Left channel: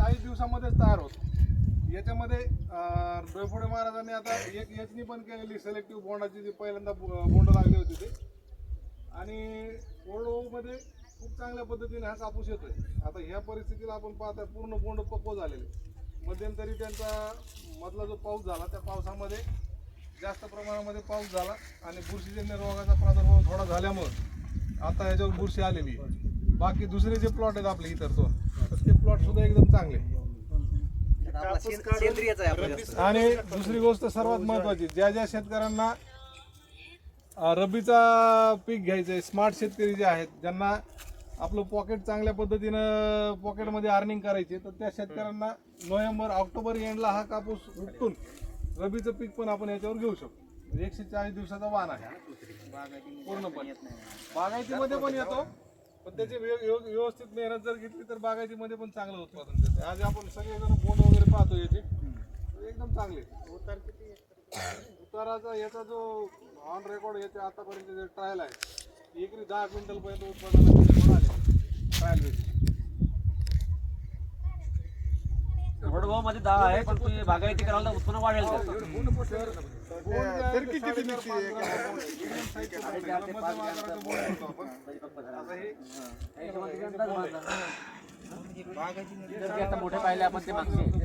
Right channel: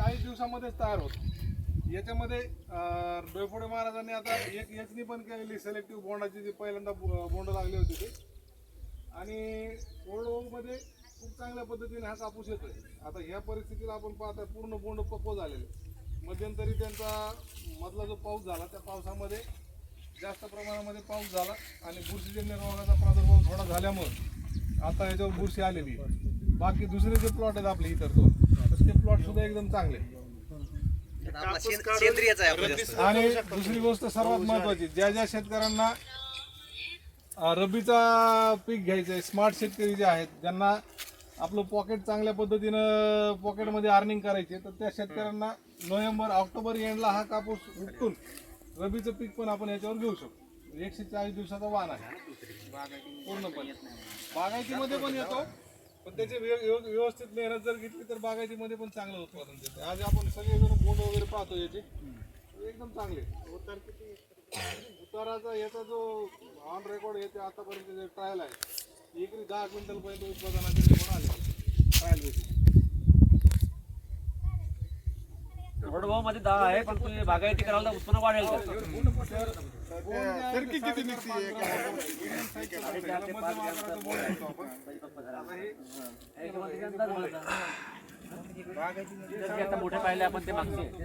चाळीस दिवसामध्येच तयार होत. याच्यामध्ये डोयफोडे महाराजांनी आता एक याचनी पण केलेली सिलेक्टिव्ह बोंडाची जी पहिल्यांदा बोंड लागली होती ते. आणि ओल्डमध्ये खूप चांगल्या पद्धतीने हा कापूस आहे आता ह्या परिस्थितीला आपण पाहता पूर्ण बोंड पक्व झालेले. मध्यंतरी त्यांचा मधला जो पाऊस झाला त्या पावसामध्ये जास्त प्रमाणामध्ये पाऊस झाला आणि बुरशीजन्य रोगाचा प्रादुर्भाव थोडा झाल्यामुळं आता याच्यावर बुरशी आलेली आहे. बाकी दुसरे जे प्लॉट आहेत आपले इतर तो तर ते प्लॉट सुद्धा एकदम चांगले. आणि दुसरी गोष्ट सर्वात महत्वाची ज्या ज्या शेतकऱ्यांना अं, रब्बीचा पीक घ्यायचं आहे स्मार्ट शेतकरी जे आहेत ज्यांना आपलं पॉकेट चांगल्या पद्धतीनं पॉकेटमध्ये अर्निंग करायचे तर त्या शेतकऱ्यांना नोव्हेंबर ऑक्टोबर एंडला हा कापूस उपटून रब्बीचं पीक पण आपण याच्यावर घेऊ शकतो. म्हणजे एकशे चाळीस दिवसाचा वाण आहे. पूर्णपणे. बागायतीमध्ये पण येतो. पण त्याची व्यव- व्यवस्थित मेहनत जर घेतली तर बागायतीमध्ये पण चांगलं उत्पादन देते. आज आपण सगळेजण बोंड वगैरे पाहतो याचे. एकदम चांगले. उतार किती उताराचा याचा जो ऑन रेकॉर्ड याचे आतापर्यंत जे ट्रायल आहे एकरी दहा क्विंटल पर्यंत उत्पादनाचे रेकॉर्ड आले ट्रायल बेसिस वडगावमध्ये दहा आहे पण तुम्ही बागायती करायला तर उत्पन्न वाढेल किती निघते ते आता मोठे पाहिले आपण ते मागचे.